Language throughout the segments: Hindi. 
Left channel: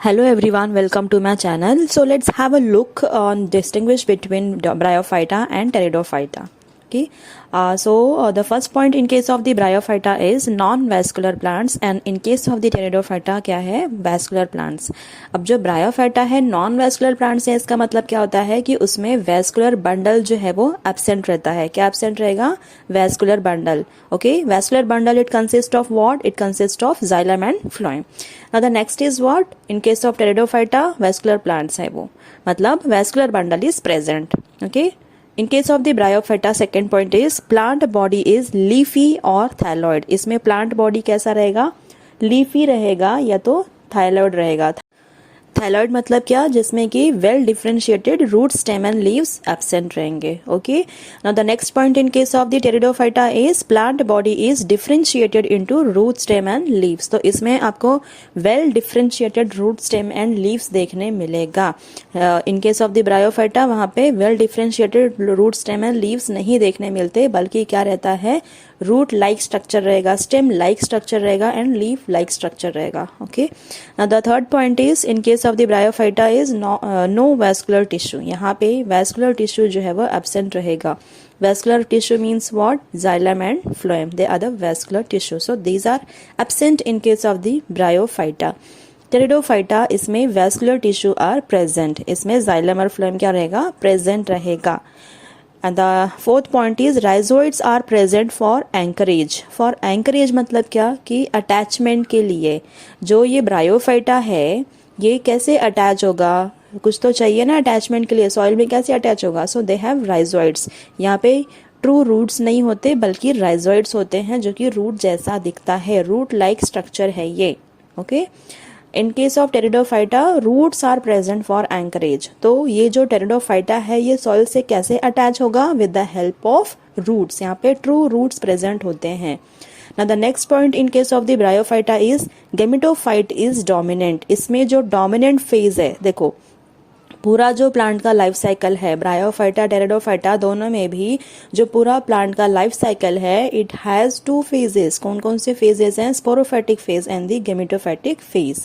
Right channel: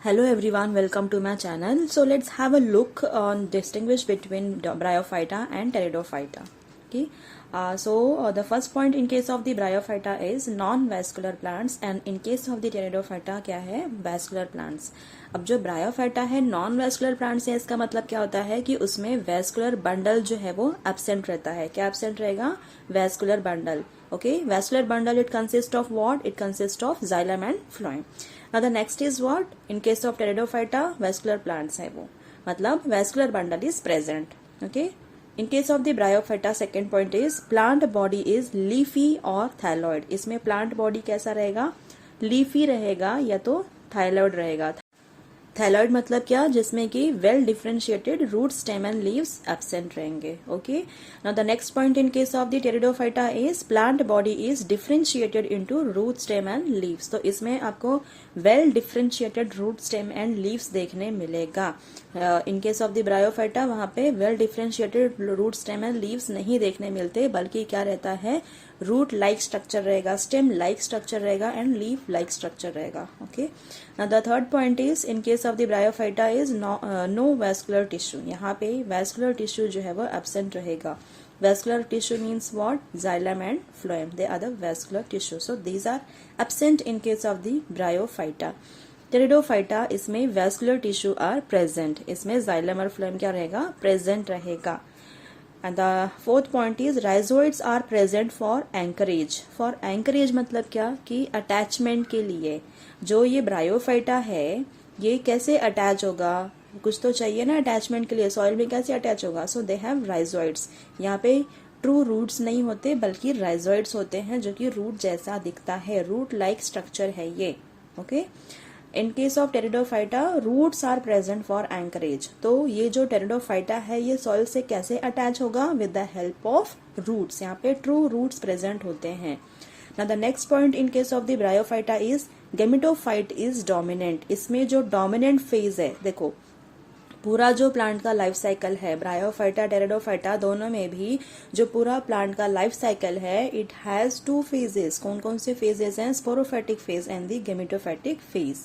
Hello everyone, welcome to my channel. So let's have a look on distinguish between the Bryophyta and Pteridophyta. Okay. The first point in case of the Bryophyta is non-vascular plants and in case of the Pteridophyta क्या है vascular plants. अब जो Bryophyta है non-vascular plants है इसका मतलब क्या होता है कि उसमें vascular bundle जो है वो absent रहता है. क्या absent रहेगा? Vascular bundle. Okay, vascular bundle it consists of what? It consists of xylem and phloem. Now the next is what? In case of Pteridophyta vascular plants है वो मतलब vascular bundle is present. Okay. In case of the Bryophyta second point is plant body is leafy or thyloid. इसमें plant body कैसा रहेगा? leafy रहेगा या तो thyloid रहेगा. थायलॉइड मतलब क्या? जिसमें कि well differentiated root stem and leaves absent रहेंगे. Okay. Now the next point in case of the Pteridophyta is plant body is differentiated into root stem and leaves. तो इसमें आपको well differentiated root stem and leaves देखने मिलेगा. In case of the Bryophyta वहां पे well differentiated root stem and leaves नहीं देखने मिलते, बल्कि क्या रहता है? रूट लाइक स्ट्रक्चर रहेगा, स्टेम लाइक स्ट्रक्चर रहेगा एंड लीफ लाइक स्ट्रक्चर रहेगा. Okay. Now the third point is in case of the bryophyta is no vascular tissue. यहाँ पे वैस्कुलर टिश्यू जो है वो एब्सेंट रहेगा. Vascular tissue means what? xylem and phloem. They are the vascular tissue. So these are absent in case of the Bryophyta. Pteridophyta इसमें वैस्कुलर टिश्यू आर प्रेजेंट. इसमें xylem और phloem क्या रहेगा? प्रेजेंट रहेगा. And the fourth point is rhizoids are present for anchorage. For anchorage मतलब क्या? कि अटैचमेंट के लिए. जो ये ब्रायोफाइटा है ये कैसे अटैच होगा? कुछ तो चाहिए ना अटैचमेंट के लिए. सॉइल में कैसे अटैच होगा? सो दे हैव राइजोइड्स. यहाँ पे ट्रू रूट्स नहीं होते बल्कि राइजोइड्स होते हैं जो कि रूट जैसा दिखता है. रूट लाइक स्ट्रक्चर है ये. Okay. In case of pteridophyta roots are present for anchorage. तो ये जो टेरिडोफाइटा है ये सॉइल से कैसे अटैच होगा? With the help of roots. यहाँ पे ट्रू रूट्स प्रेजेंट होते हैं. Now the next point in case of the bryophyta is gametophyte is dominant. इसमें जो डोमिनेंट फेज है, देखो पूरा जो प्लांट का लाइफ साइकिल है ब्रायोफाइटा टेरिडोफाइटा दोनों में भी जो पूरा प्लांट का लाइफ साइकिल है इट हैज टू फेजेस. कौन कौन से फेजेस हैं? Sporophytic phase and the gametophytic phase.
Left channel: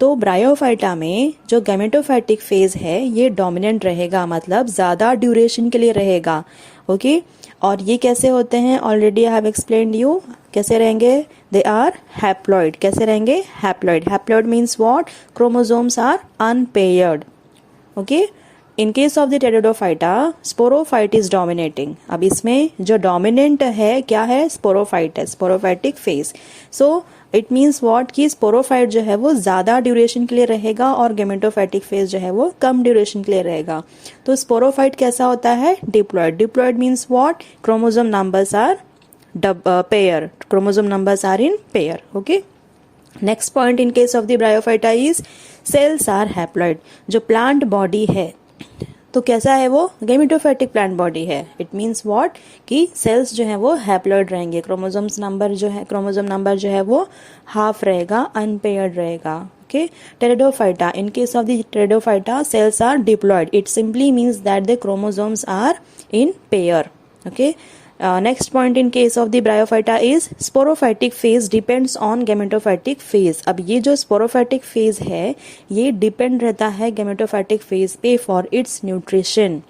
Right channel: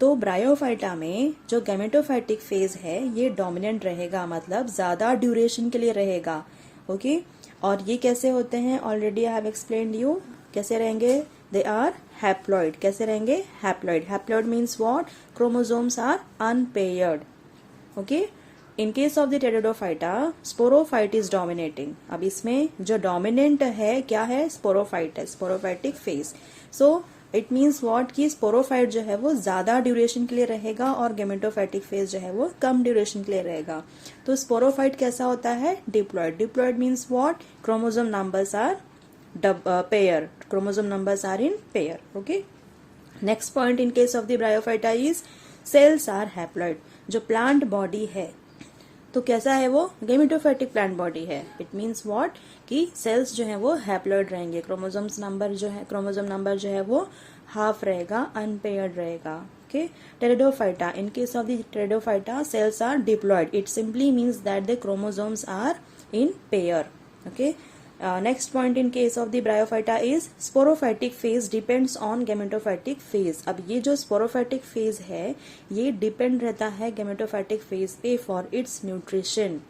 तो ब्रायोफाइटा में जो गेमेटोफाइटिक फेज है ये डोमिनेंट रहेगा, मतलब ज्यादा ड्यूरेशन के लिए रहेगा. ओके. और ये कैसे होते हैं? Already I have explained you. कैसे रहेंगे? They are haploid. कैसे रहेंगे? Haploid. Haploid means what? Chromosomes are unpaired. Okay. In case of the pteridophyta sporophyte is dominating. अब इसमें जो डोमिनेंट है क्या है? स्पोरोफाइट है, sporophytic phase. So it means what? कि स्पोरोफाइट जो है वो ज्यादा ड्यूरेशन के लिए रहेगा और गेमेटोफाइटिक फेज जो है वो कम ड्यूरेशन के लिए रहेगा. तो स्पोरोफाइट कैसा होता है? Diploid. Diploid means what? Chromosome numbers are pair. Chromosome numbers are in pair. Okay. Next point in case of the bryophyta is cells are haploid. जो प्लांट बॉडी है तो कैसा है वो? गेमेटोफाइटिक प्लांट बॉडी है. It means what? कि सेल्स जो है वो हैप्लॉइड रहेंगे. क्रोमोसोम नंबर जो है वो हाफ रहेगा, अनपेयर्ड रहेगा. Okay. Pteridophyta in case of the pteridophyta cells are diploid. It simply means that the chromosomes are in pair. Okay. Next point in case of the bryophyta is sporophytic phase depends on gametophytic phase. अब ये जो स्पोरोफाइटिक फेज है ये डिपेंड रहता है गेमेटोफाइटिक फेज पे for its nutrition.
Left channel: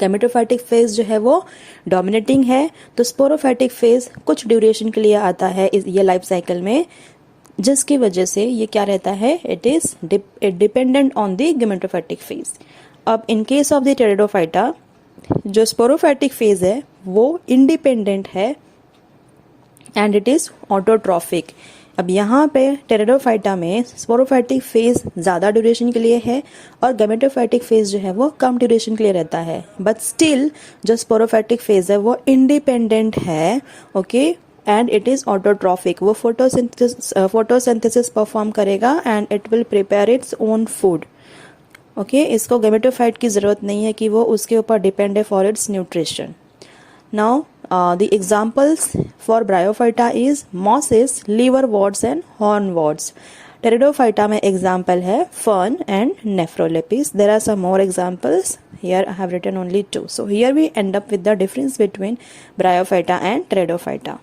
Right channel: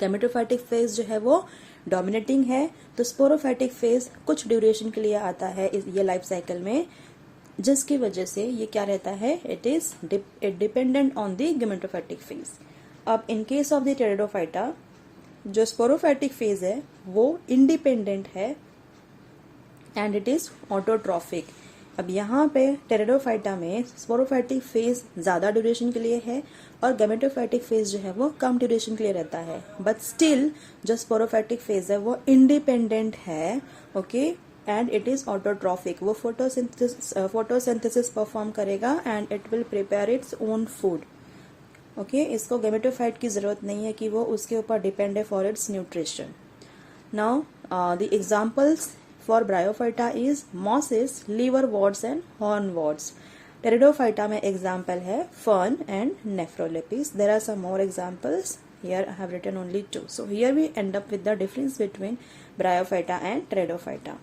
Gametophytic phase जो है वो डोमिनेटिंग है तो स्पोरोफाइटिक फेज कुछ ड्यूरेशन के लिए आता है ये लाइफ साइकिल में, जिसकी वजह से ये क्या रहता है? It is dependent on the gametophytic phase. अब in case of the Pteridophyta जो स्पोरोफाइटिक फेज है वो इंडिपेंडेंट है एंड इट इज ऑटोट्रॉफिक. अब यहाँ पे टेरिडोफाइटा में स्पोरोफाइटिक फेज ज्यादा ड्यूरेशन के लिए है और गेमेटोफाइटिक फेज जो है वो कम ड्यूरेशन के लिए रहता है. बट स्टिल जो स्पोरोफाइटिक फेज है वो इंडिपेंडेंट है. Okay. And it is autotrophic. वो फोटोसिंथेसिस परफॉर्म करेगा and it will prepare its own food. Okay. इसको गेमेटोफाइट की जरूरत नहीं है कि वो उसके ऊपर डिपेंड है for its nutrition. Now the examples for Bryophyta is mosses, liverworts and hornworts. Pteridophyta में एग्जाम्पल है fern and Nephrolepis. There are some more examples. Here I have written only two. So here we end up with the difference between Bryophyta and Pteridophyta.